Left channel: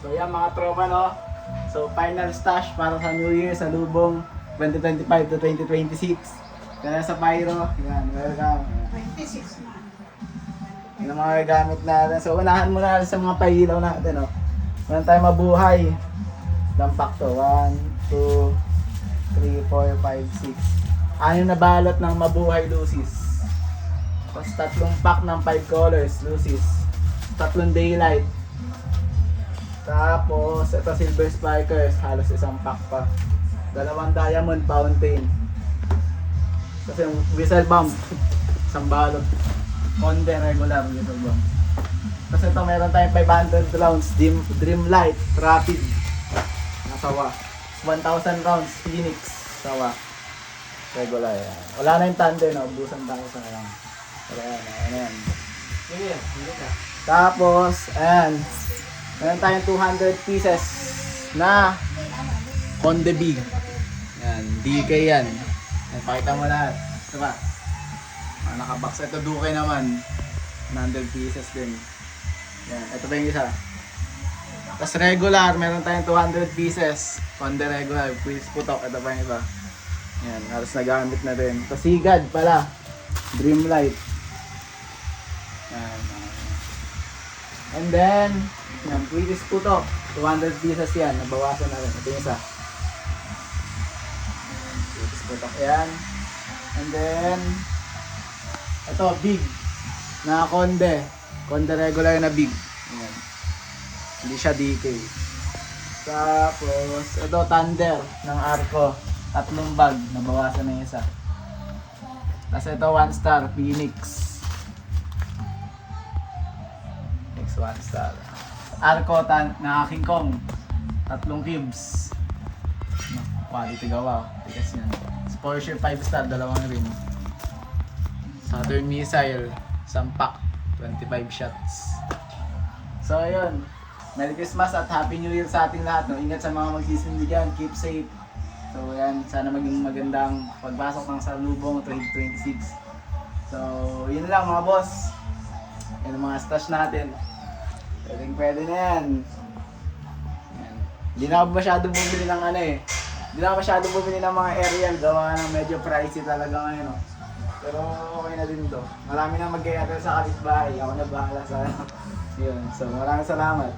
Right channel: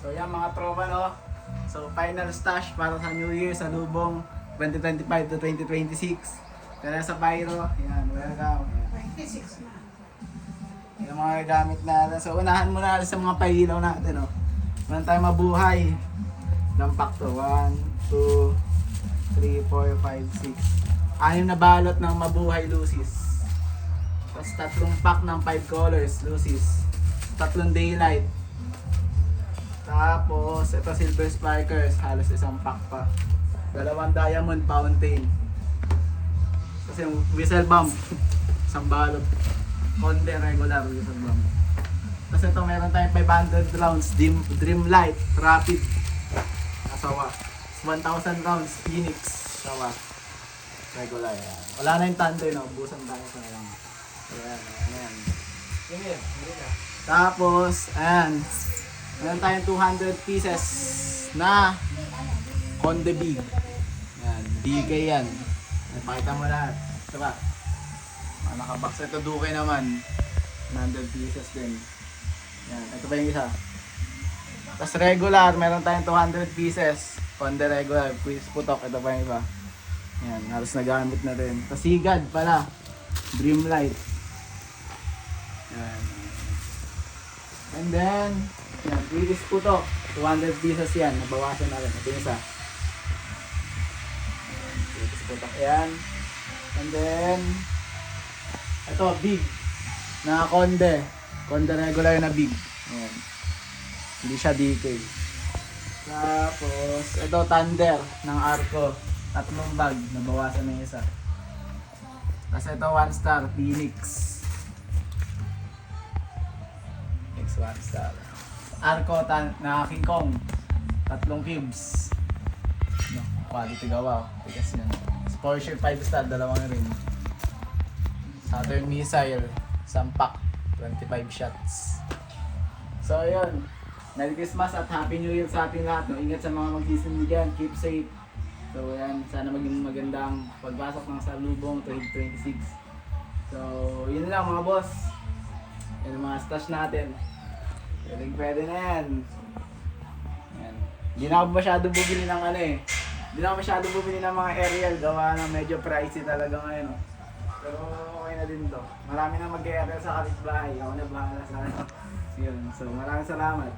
So yan mga tropa, no? So final stash para sa New Year sa lubong 2025 to 2026. Kaya sa Pyro, yan, welcome. 26 na. Yan ang mga gamit natin. So unahan muna natin sa mga pailaw natin, no? Meron tayong mabuhay. Lampak to. 1, 2, 3, 4, 5, 6. Anim na balot ng mabuhay lucis. Tapos 3 pack ng 5 colors lucis. 3 daylight. Tapos ito silver sparkers, halos 1 pack pa. 2 diamond fountain. Kasi yung whistle bomb, 1 balot. Conde regular whistle bomb. Tapos ito meron tayong 500 rounds dream light rapid. Nasawa. 1,000 rounds Phoenix sawa. Regular. Wala na yung thunder, no? Ubusan tayo sa yan. Wala yan. Ayan. Hindi ka. Tapos, ayan. Meron tayong 200 pieces na Conde Big. Yan, DK yan. Yan, pakita mo lahat. Ito ba? Nakabox. Ito Duke naman. 100 pieces din. Yan, ito pa yung isa. Tapos regular, meron tayong 200 pieces. Conde regular, please putok. Ito pa yung iba. Yan, halos nagamit na din. Tapos Sigad pala. Dreamlight. Yan. And then, yan, British putok. 200 pieces yan. Nabawasan na rin. Ito yung isa. British putok yan. And then, ito, big. Na Conde. Conde regular na big. Yan. Hindi siya DK. Tapos, ito Thunder ng Arco. 3 bag. Nabawasan na yung isa. Tapos ito 1 star. Phoenix. Next 1 star. Arco na King Kong. 3 cubes. No, quality gawa. Tigas yun. Porsche 5 star. 2 rin. Saturn missile. 1 pack. 25 shots. So ayun. Merry Christmas at Happy New Year sa ating lahat. No? Ingat sa mga magsisindigan. Keep safe. So yan. Sana maging magandang pagpasok ng salubong 2026. So yun lang mga boss. Yan ang mga stash natin. Pwede na yan. Yan. Hindi na ako masyadong bumili ng ano eh. Hindi na ako masyadong bumili ng mga aerial. Gawa ng medyo pricey talaga ngayon. No? Pero okay na din to. Marami na mag-aerial sa kapitbahay. Ako na bahala sa ano. Yun. So maraming salamat.